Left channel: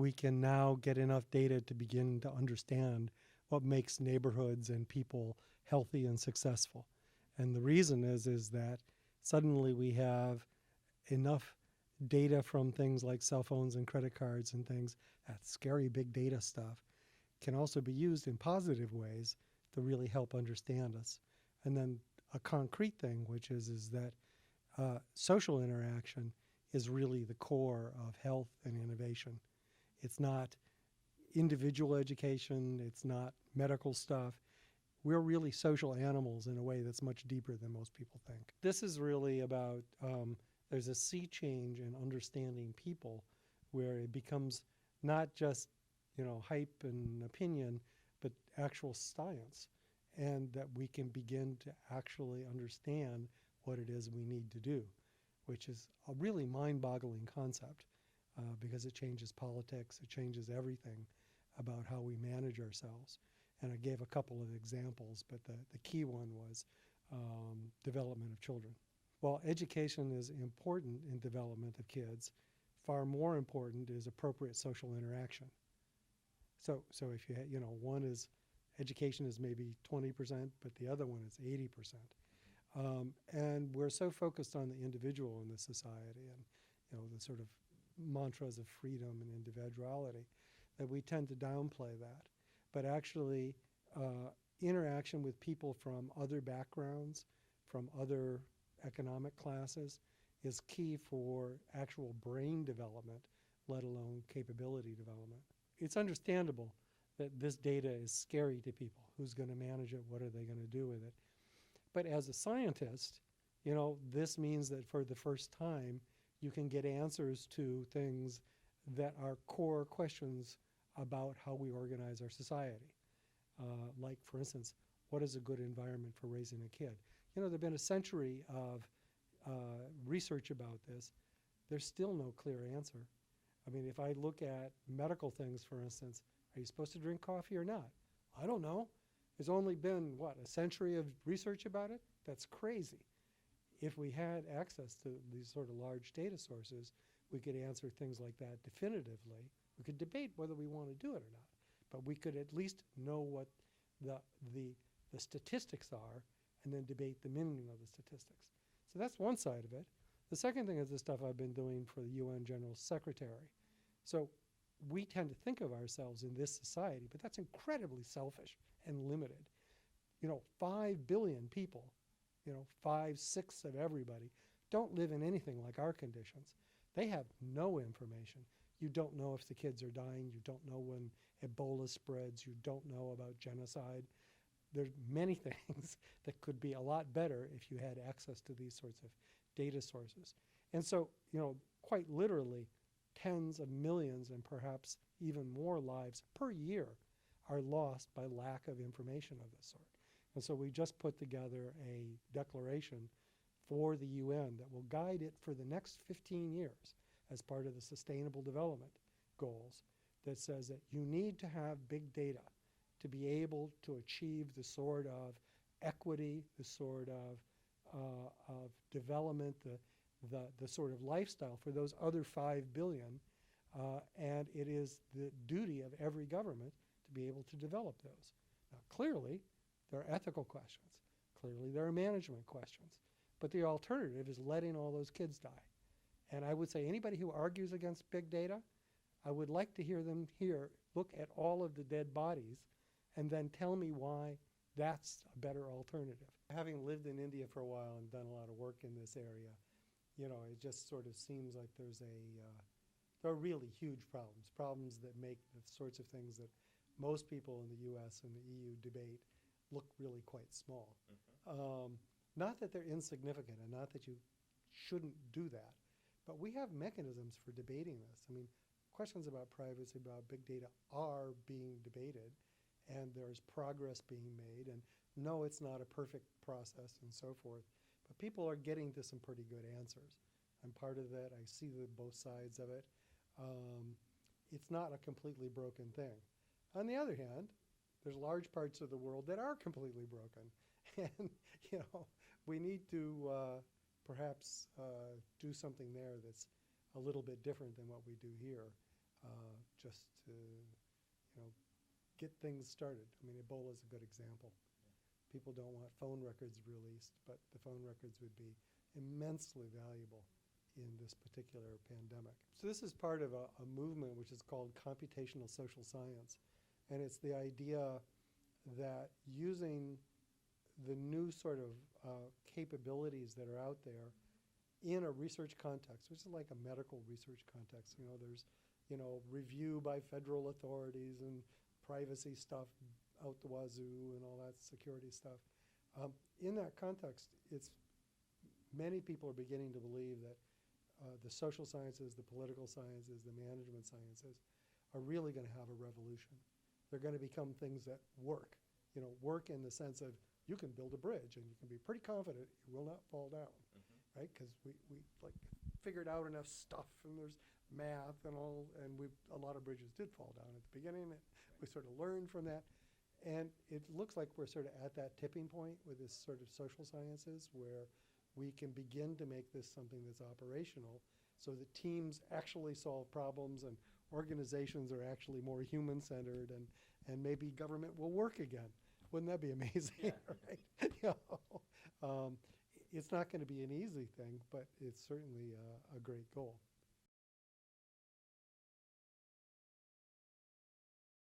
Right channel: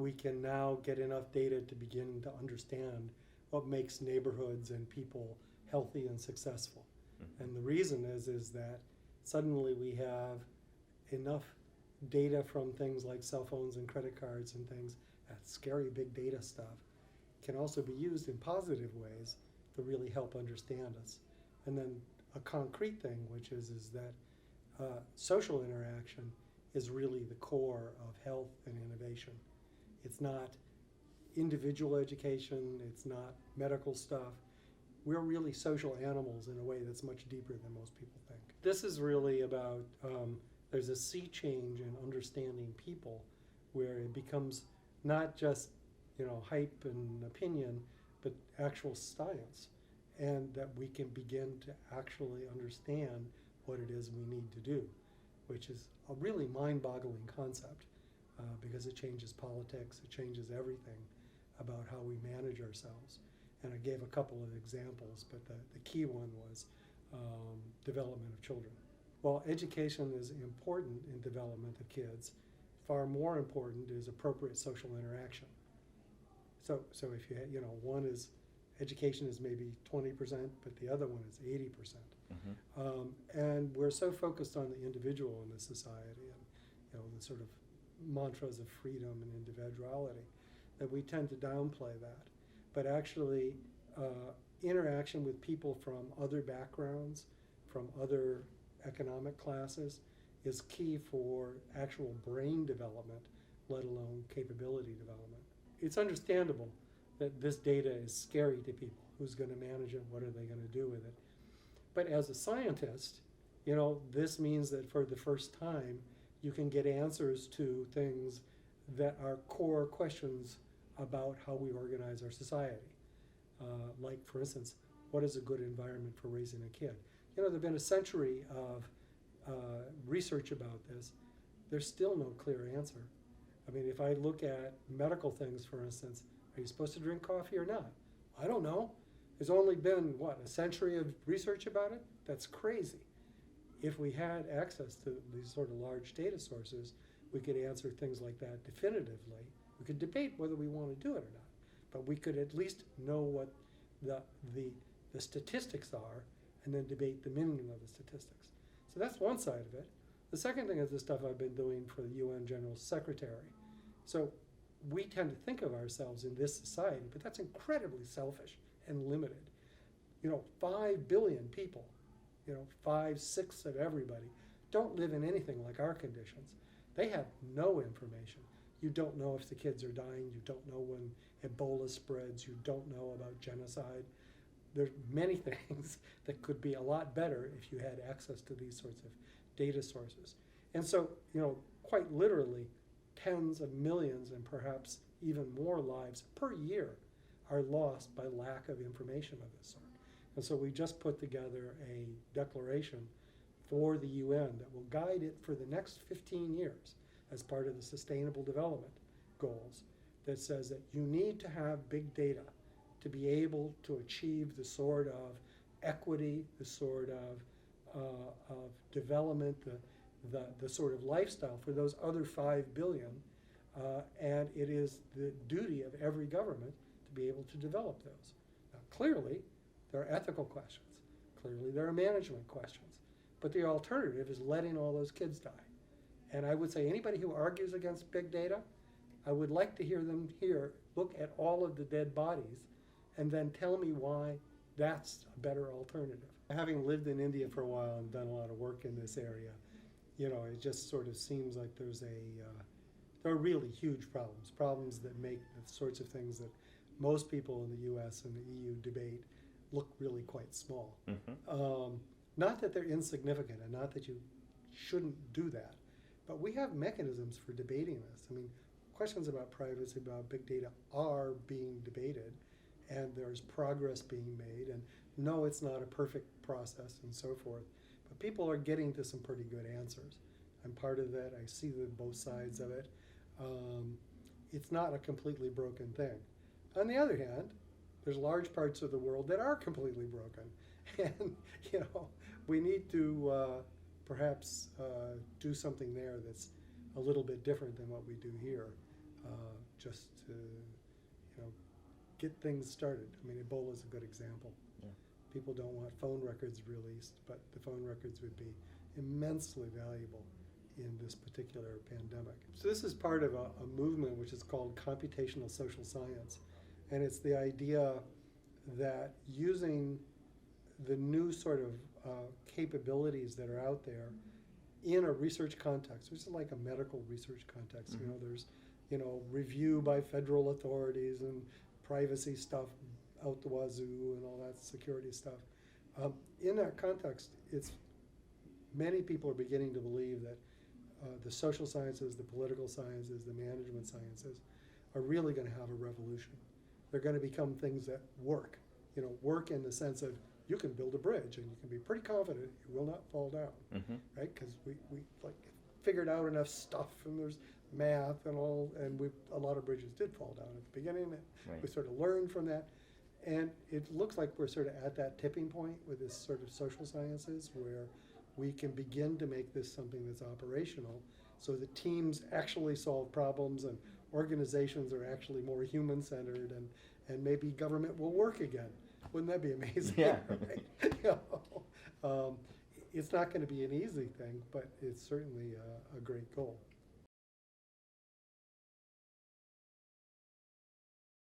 we can now get enough data to begin to understand what makes neighborhoods and people healthy and successful. And the reason is that suddenly we have enough data from things like cell phones and credit cards and things, that scary big data stuff, can also be used in positive ways to really help understand us. And then a concrete thing, which is that social interaction is really the core of health and innovation. It's not individual education, it's not medical stuff. We're really social animals in a way that's much deeper than most people think. This is really about, there's a sea change in understanding people where it becomes not just, hype and opinion, but actual science. And that we can begin to actually understand what it is we need to do, which is a really mind-boggling concept because it changes politics, it changes everything about how we manage ourselves. And I gave a couple of examples, but the key one was development of children. While education is important in development of kids, far more important is appropriate social interaction. So if you one is education is maybe 20%, but the other one is 80%. And we're so focused on the individual in the society and the sort of mantras of freedom and individuality that we tend to downplay that. But actually, interaction with people from other backgrounds, from other economic classes, is key for actual brain development, let alone capability development. It's understandable that this data is scary to people. Who's going to manage it? What are they going to do with it? But as a scientist, this means that for the first time, you can get answers to things that are core questions about how we organize our society. Like, for instance, what is a good environment for raising a kid? There's been a century of research about this. There's still no clear answer. I mean, if I look at medical things, for instance, are you supposed to drink coffee or not? I don't know. There's only been, a century of research about it? That's crazy. If we had access to these sort of large data sources, we could answer things like that definitively. We could debate whether we want to do it or not, but we could at least know what the statistics are and then debate the meaning of the statistics. So that's one side of it. The second thing is the stuff I've been doing for the UN General Secretary. So we tend to think of ourselves in this society, but that's incredibly selfish and limited. 5 billion people, 5/6 of everybody, don't live in anything like our conditions. They have no information. You don't know if the kids are dying. You don't know when Ebola spreads. You don't know about genocide. There's many things that could be a lot better if you had access to these sorts of data sources. And so, quite literally, tens of millions and perhaps even more lives per year are lost by lack of information of this sort. And so we just put together a declaration for the UN that will guide it for the next 15 years as part of the Sustainable Development Goals that says that you need to have big data to be able to achieve the sort of equity, the sort of development, the sort of lifestyle for those other 5 billion. And it is the duty of every government to be able to develop those. Now, clearly, there are ethical questions. Clearly, there are management questions. But the alternative is letting all those kids die. And I would say anybody who argues against big data, I would like to hear them look at all of the dead bodies and then tell me why that's a better alternative. Having lived in India for a while and done a lot of work in this area, it just sort of seems like there are really huge problems that make the sorts of things that most people in the US and the EU debate look really quite small. Not that they're insignificant and not that you shouldn't do that, but we have mechanisms for debating this. I mean, questions about privacy, about big data are being debated, and there's progress being made, and no, it's not a perfect process and so forth, but people are getting to some pretty good answers. I'm part of that. I see both sides of it. It's not a completely broken thing. On the other hand, there's large parts of the world that are completely broken, and we need to perhaps do something there that's a little bit different than what we do here. just to, get things started. I mean, Ebola is a good example. Yeah. People don't want phone records released, but the phone records would be immensely valuable in this particular pandemic. So this is part of a movement which is called computational social science. And it's the idea that using the new sort of capabilities that are out there in a research context, which is like a medical research context. Mm-hmm. There's, review by federal authorities and privacy stuff out the wazoo and all that security stuff. In that context, many people are beginning to believe that the social sciences, the political sciences, the management sciences are really going to have a revolution. They're going to become things that work. Work in the sense of you can build a bridge and you can be pretty confident it will not fall down, right? Because we like figured out enough stuff and there's math and all, and a lot of bridges did fall down at the beginning. And Right. we sort of learned from that, and it looks like we're sort of at that tipping point with this sort of social sciences where we can begin to make this something that's operational, so that teams actually solve problems and organizations are actually more human-centered, and maybe government will work again. Wouldn't that be amazing? Yeah. Right? It's not going to be an easy thing, but it's certainly a great goal.